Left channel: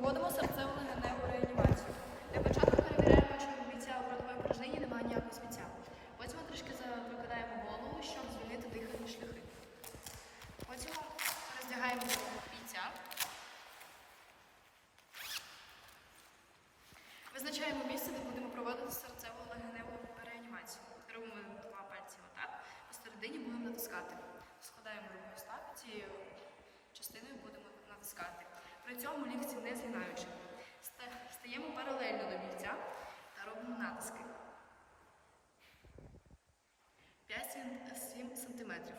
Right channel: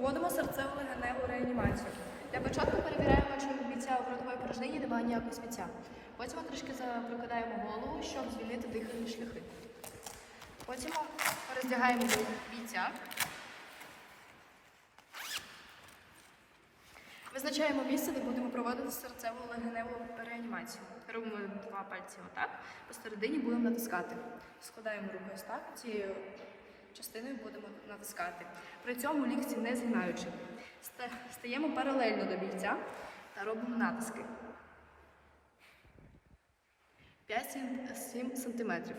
Проводимо серцево-легеневу реанімацію. Для початку перевіряємо, чи у бійця у ротової порожнині немає ніякого сміття. Потім трішки запрокидаємо голову, щоб звільнити дихальні шляхи. Потім роздягаємо бійця. Визначаємо місце, де будемо проводити серцево-легеневу реанімацію. Робимо два пальці отак, посередині будемо натискати. Складаємо руку ось так, цією частиною будемо натискати. При цьому лікті не згинаючи. Стаємо паралельно до бійця та робимо натиски. 5-7 сантиметрів.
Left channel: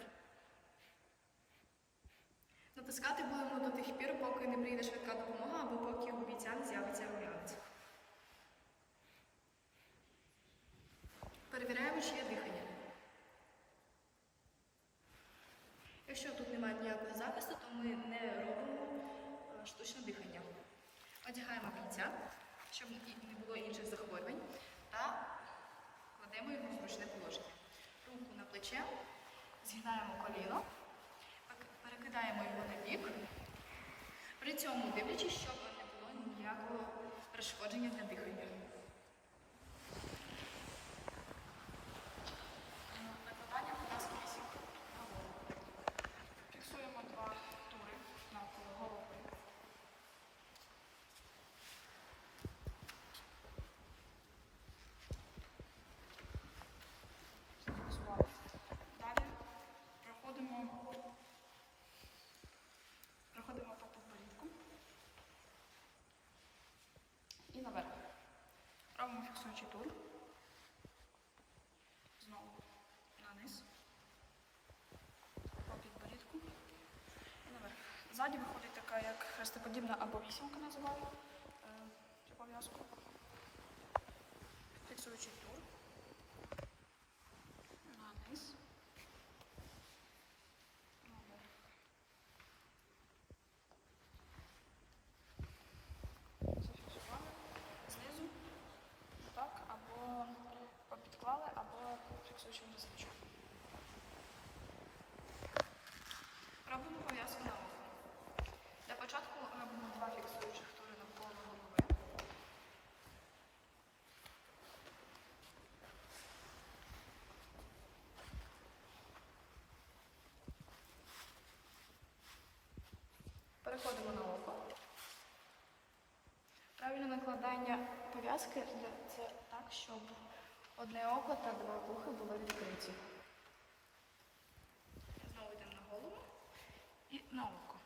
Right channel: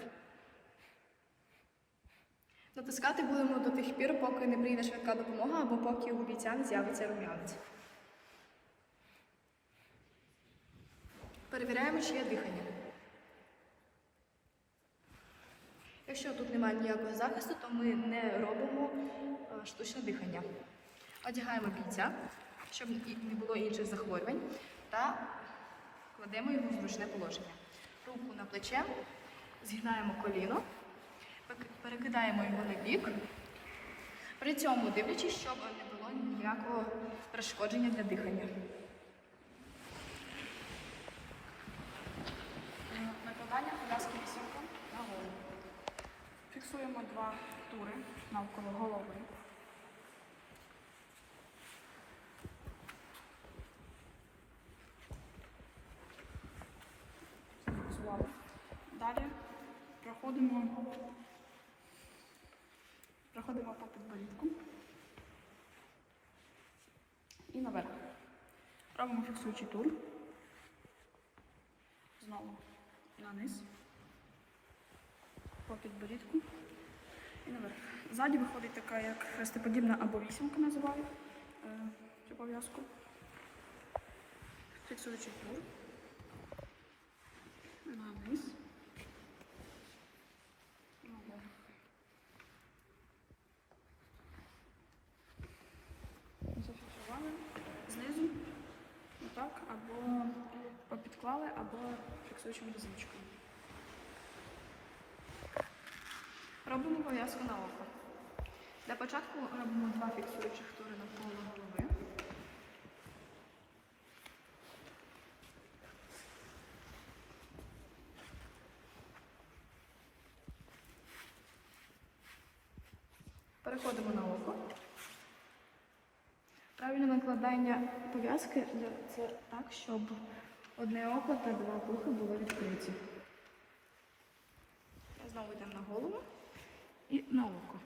Натискати будемо до тих пір, поки не прийде швидка допомога або поки у бійця не з'явиться рум'янець. Перевіряємо, чи є дихання. Якщо тут немає ніякого захисту, то ми не робимо е, штучне дихання. Одягаємо бійця, щоб не було інших захворювань, та кладемо його в зручне положення. Руку на плече, згинаємо коліно, перекидаємо його на бік, при цьому дивлячись, щоб не було ніякого перешкодження для дихання. Накладання пов'язки вісімки на голову. Фіксуємо два тури навколо голови. Далі проходимо, проходимо по підборідку і наверх. Робимо фіксуючий тур. Знову на низ, по підборідку. Ззаді виходить така, як хрестоподібна або вісімка називають е, цю пов'язку. Фіксуючий тур. На низ. Зафіксували. Знизу. Отак, або попідклали, або фіксуючим резиночкою. Робимо пов'язку на око. Для початку робимо два фіксуючих тури навколо голови. Переходимо на око. Правильне накладання пов'язки це так, щоб одне око та два вуха були відкриті. Знову йдемо на голову і на око.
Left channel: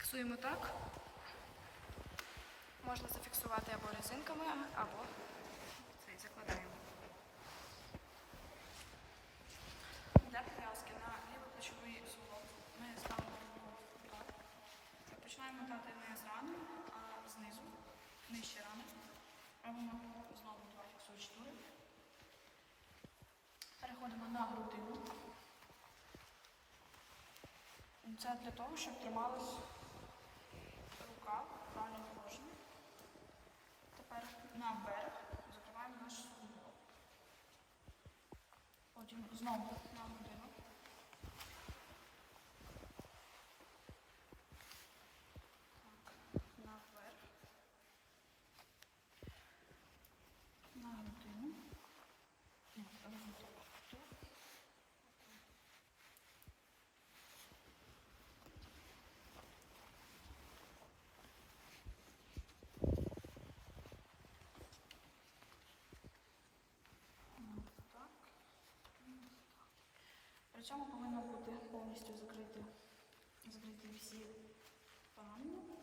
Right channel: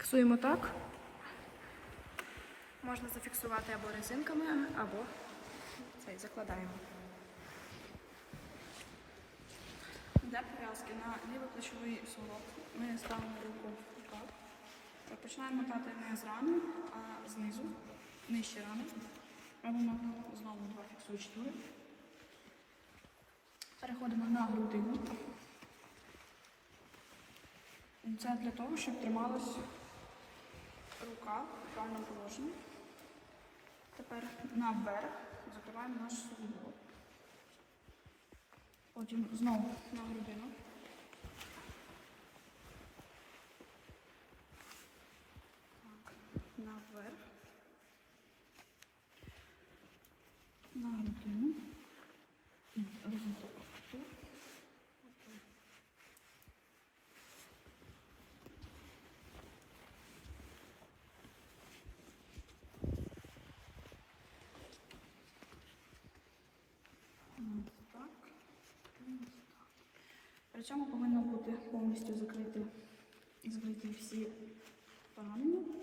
Фіксуємо так. Можна зафіксувати або резинками, або цей закладаємо. Для пов'язки на лівий плечовий суглоб ми ставимо руку так. Починаємо мотати не з рани, а знизу, нижче рани. Робимо знову два фіксуючі тури. Переходимо на грудину. Це для того, щоб трималась рука в правильному положенні. Тепер наверх закриваємо наш суглоб. Потім знову на грудину. Так, наверх. На грудину. Ні, Причому повинно бути повністю закрити, закриті всі камні.